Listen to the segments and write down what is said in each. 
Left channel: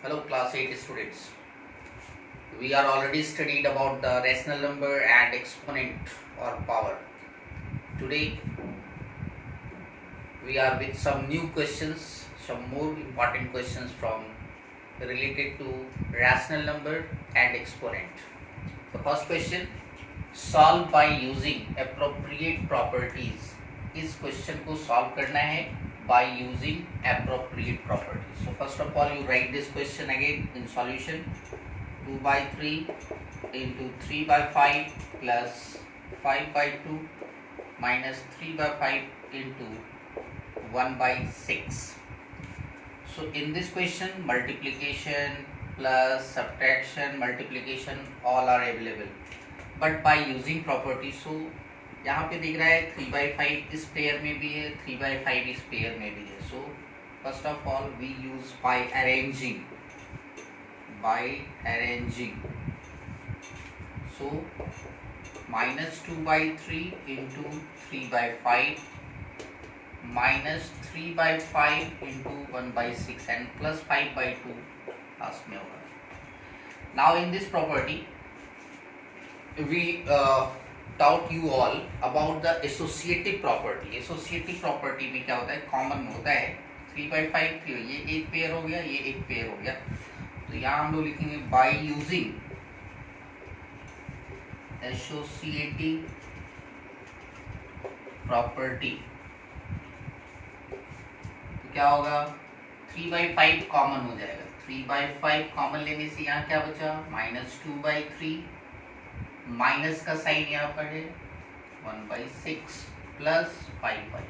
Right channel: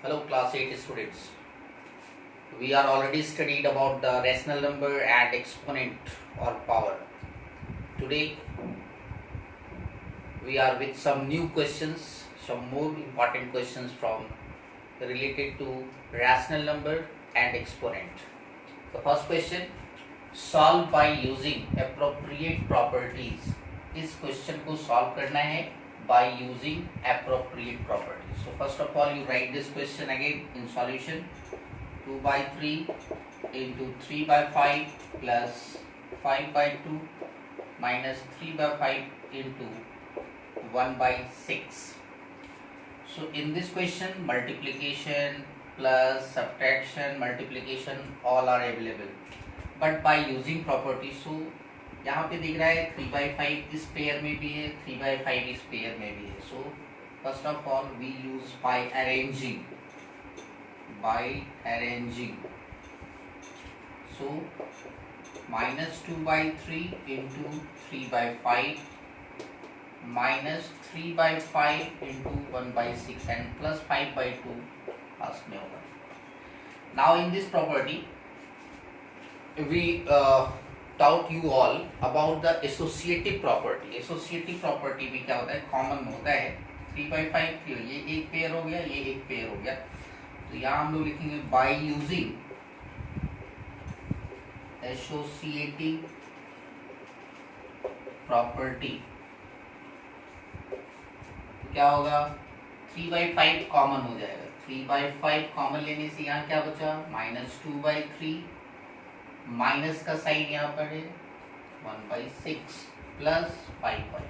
Hello class 8 students. We are already studied about the rational number and exponent or power. Today we are with some new questions, some more important questions from related to rational number and exponent. The first question, solve by using appropriate properties. इस question को solve करना है by using appropriate properties. So first of all you write this question again in solution. 2 by 3 into 3 by 5 plus 5 by 2 minus 3 by 5 into 1 by 6. So in this question multiplication plus subtraction, multiplication all are available, but by using property. So यहाँ पे दिख रहा है 3 by 5 इस pair में भी है, 3 by 5 इस पेयर में भी है. So first of all we use by arranging. So minus 2 by 3 into 3 by 5 minus 3 by 5 into 1 by 6 and plus 5 by 2 last में होगा. Now in this property we taught you all about the associative property. Associative property में क्या होता है, common होता है 3 by 5 ये एक पेयर हो गया, ये एक पेयर हो गया. तो यहाँ हम लोग लिखेंगे बाय यूजिंग एसोसिएटिव प्रॉपर्टी. तो क्या होगा, 3 by 5 कॉमन हो जाएगा. 3 by 5 कॉमन लेने से यहाँ क्या बचा, माइनस 2 by 3, माइनस का साइन यहाँ पर है 1 by 6 प्लस 5 by.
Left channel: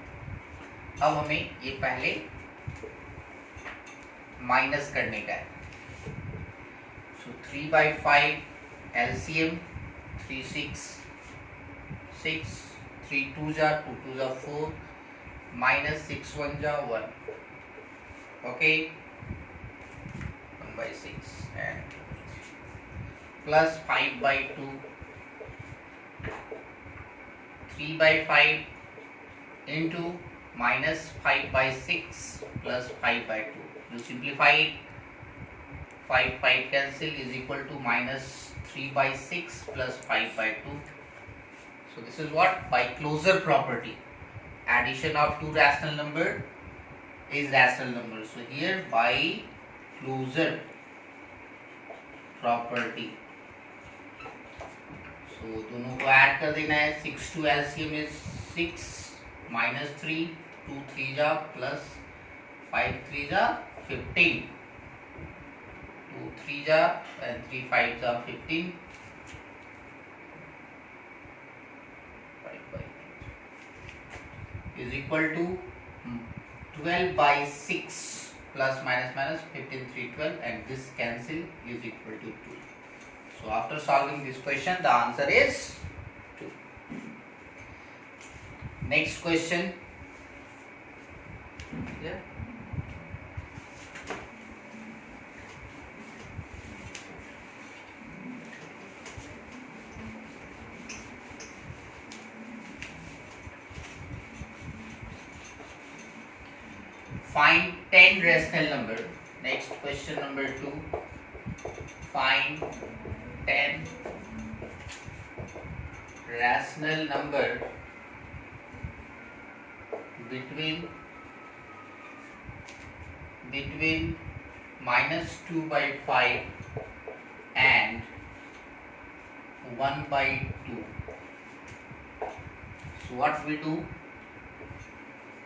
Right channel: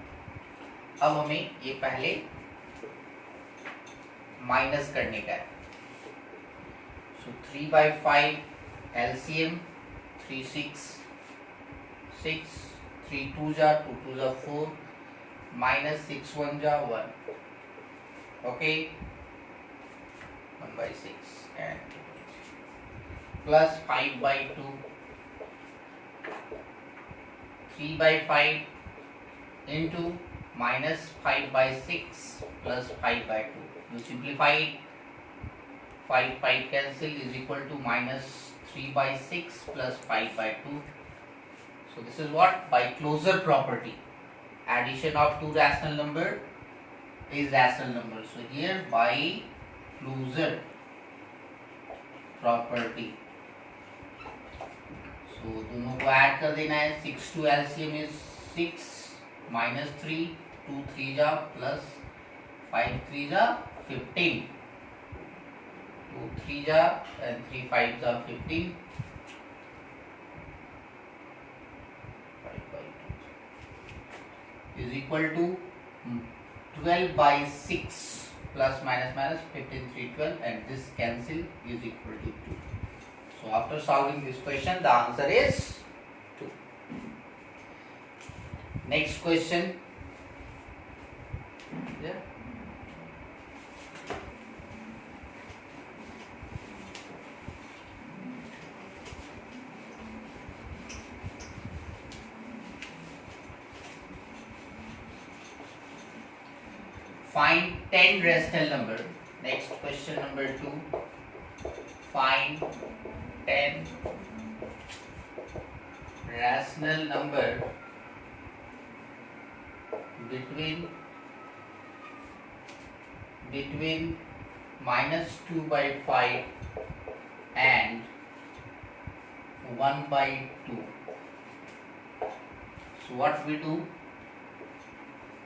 अब हमें ये पहले माइनस करने का है. 3 by 5 LCM 3 6 6 3 2 जा 2 2 जा 4 minus 6 1 जा 1. Okay, 1 by 6 and plus 5 by 2 3 by 5 into minus 5 by 6 plus 5 by 2. You simplify it. 5 cancel is equal to minus 3 by 6 plus 5 by 2. So this is what, by closure property, addition of two rational number is rational number. So here by closure property, so दोनों को add कर देना है. 6 to LCM is 6 minus 3 2 3 जा plus 5 3 जा 15. 2 3 जा and 3 5 जा 15. 5 by 2 is equal to 12 by 6 plus minus minus 15 3 12 and this cancel is equal to 2. So after solving this question the answer is 2. Next question. Yeah. Find 10 rational number. Next question number 2. Find 10 rational number between minus 2 by 5 and 1 by 2. So what we do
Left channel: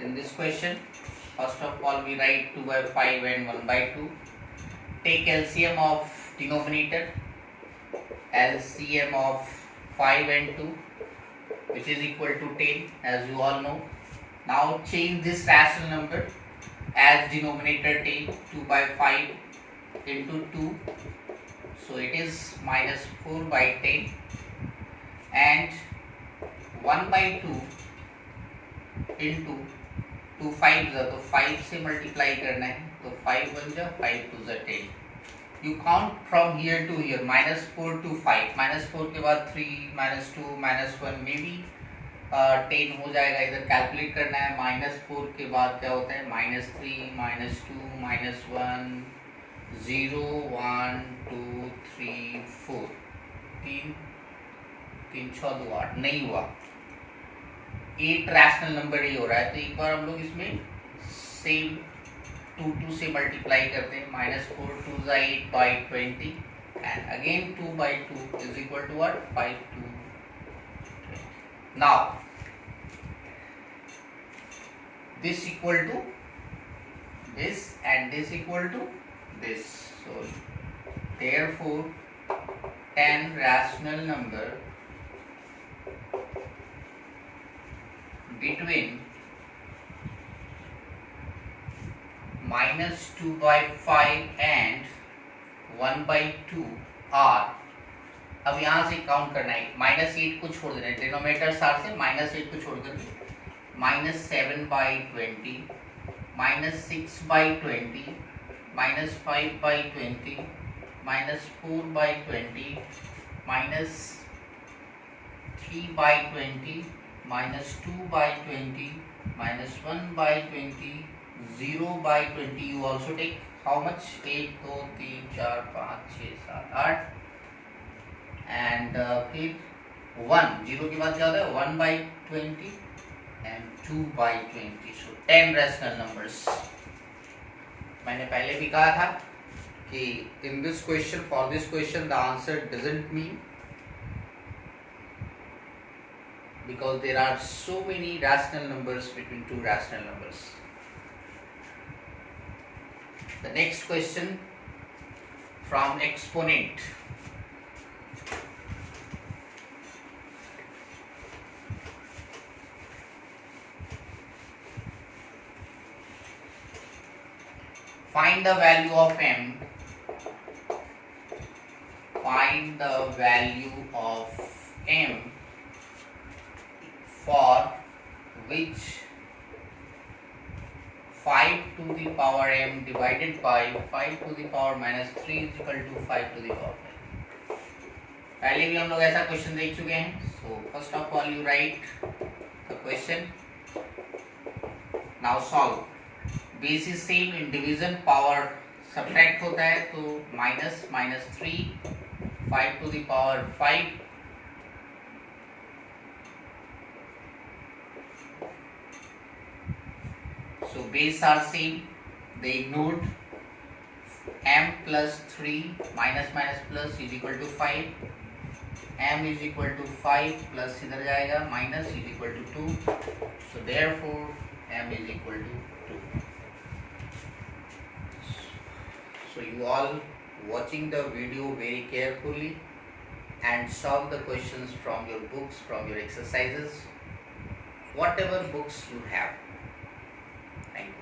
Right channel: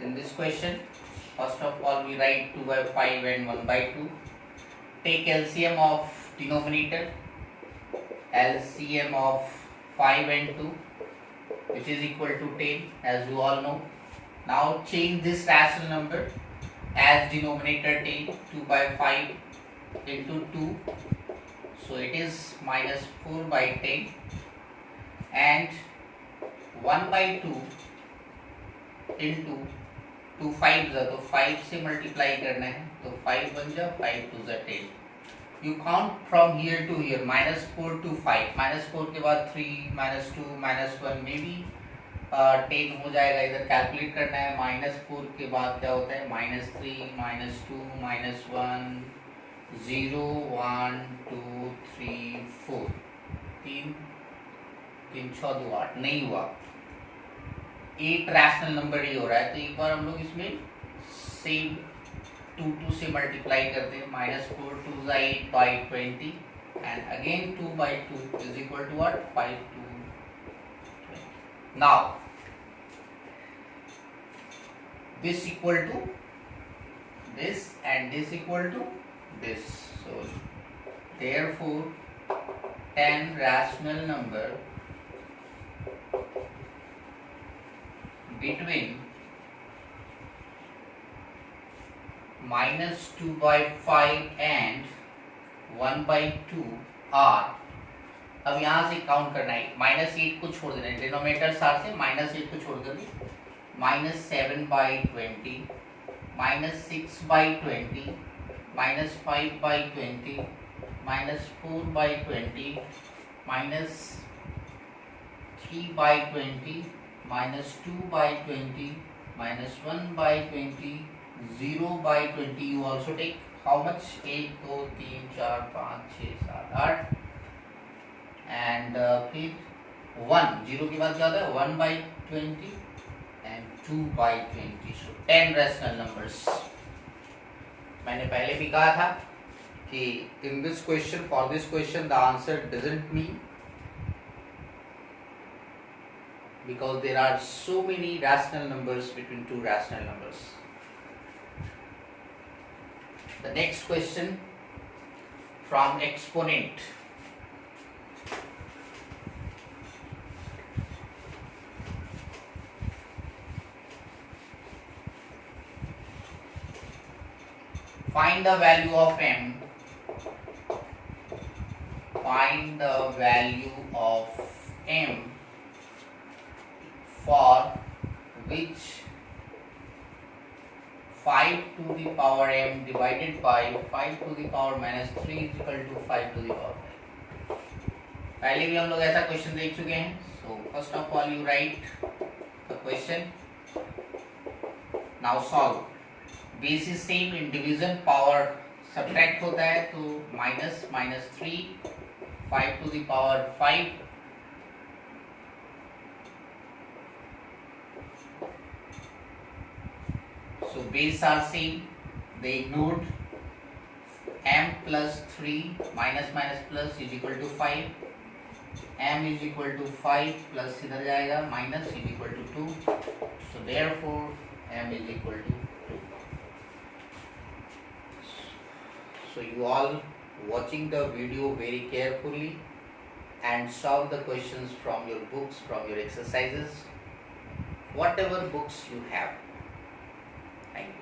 in this question? First of all we write 2 by 5 and 1 by 2. Take LCM of denominator. LCM of 5 and 2 which is equal to 10 as you all know. Now change this rational number as denominator 10. 2 by 5 into 2, so it is minus 4 by 10 and 1 by 2 into 2 5 जा, तो 5 से multiply करना है तो 5 1 जा 5 2 जा 10. You count from here to here, minus 4 to 5. minus 4 के बाद 3 minus 2 minus 1 में भी 10 हो जाएगा. इधर कैलकुलेट करना है. -4 के बाद क्या होता है -3 -2 -1 0 1 2 3 4 तीन तीन 6 2 8 नहीं हुआ, 8 रैशनल नंबर ही हो रहा है। तो एक बार हम लोग इसमें सेम 2 से मल्टीप्लाई करते हैं। -4 2 8 by 20 and again 2 by 2 is equal to what? 5 2 20. Now this equal to this and this equal to this. So therefore 10 rational number between -2 by 5 and 1 by 2 are, अब यहाँ से काउंट करना है, -8 को छोड़ देना है, डिनोमिनेटर सार से -8 को छोड़ करके -7 by 20, -6 by 20, -5 by 20, -4 by 20, -3 by 20, -2 by 20, -1 by 20, 0 by 20. You also take how much? 1 2 3 4 5 6 7 8 and फिर 1 0 के बाद क्या होता है? 1 by 20 and 2 by 20. So 10 rational numbers. मैंने पहले भी कहा था कि in this question, for this question the answer doesn't mean, because there are so many rational numbers between two rational numbers. The next question from exponent. Find the value of m. Find the value of m for which 5 to the power m divided by 5 to the power -3 is equal to 5 to the power 5. पहले भी हम लोग ऐसा question देख चुके हैं. So first of all you write the question. Now solve. Basis same, in division power subtract होता है, तो -3 5 to the power 5 so base are same, they ignored. M plus 3 minus plus is equal to 5, m is equal to 5 plus इधर जाएगा minus is equal to 2, so therefore m is equal to 2. So you all watching the video very carefully and solve the questions from your books, from your exercises, whatever books you have. Thank you.